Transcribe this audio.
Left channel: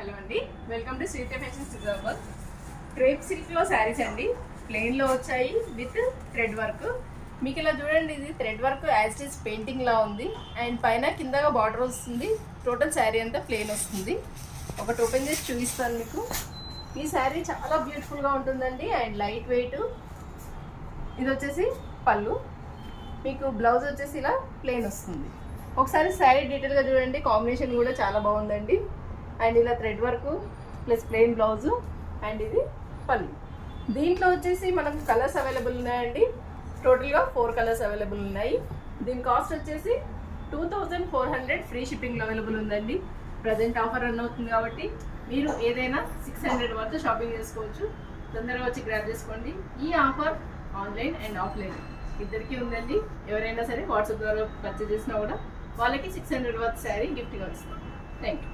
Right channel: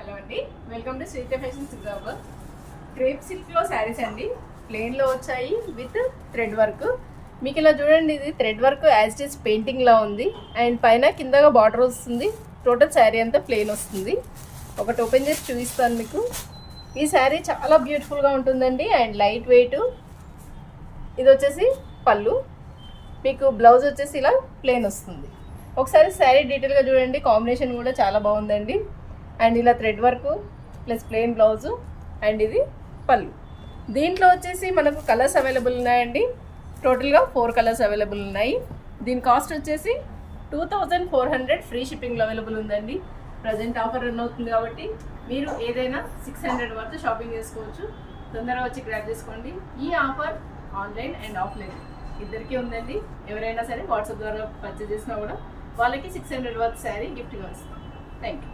Hello అండి, welcome to Sritha fashions Nizamabad. Crepe సిల్క్లో శారీస్ అండి, ప్లెయిన్లో వచ్చాయి విత్ థ్రెడ్ వర్క్. మీకు ఇలా చూడండి, ఇది thread work as it is పెయింటింగ్లా ఉంది అండ్ పైన కిందగా బార్డర్ వస్తుంది. టోటల్ శారీ అంతా ప్లెయిన్ వస్తుంది. ఒకటి ఓపెన్ చేసి చూపిస్తాను మీకు. ఈ శారీ చాలా బ్యూటిఫుల్గా ఉంటుందండి అండ్ లైట్ వెయిట్. ఇది వచ్చేసి పళ్ళు, మీకు బ్లౌజ్ వచ్చేసి ఇలా ప్లెయిన్ వస్తుంది. ఒకసారి శారీ డీటెయిల్గా చూడండి, కాంబినేషన్ కూడా చాలా బాగుందండి. అండ్ ఇలా thread work plus plain blouse and ఇది పళ్ళు. దీంట్లో వచ్చేసి మనకు కలర్స్ అవైలబుల్ ఉన్నాయండి. టోటల్గా 4 కలర్స్ అవైలబుల్ ఉన్నాయి. దీని కాస్ట్ వచ్చేసి 2400 ఫ్రీ షిప్పింగ్లో అవైలబుల్ ఉందండి. ప్రజెంట్ ఆఫర్ రన్ అవుతుంది కాబట్టి మీరు ఏదైనా 600 వరకు షాపింగ్ చేసుకోవచ్చు. తొందరగా వచ్చి గ్రాబ్ చేసుకోండి. ఈ ఆఫర్ ఆన్లైన్ అండ్ ఆఫ్లైన్ ఇద్దరికీ ఉందండి. ఎవరైనా సరే వాట్సాప్ ద్వారా పర్చేస్ చేసినా కూడా వాళ్ళకి 600 వరకు శారీ గిఫ్ట్గా వస్తుంది. Thank you.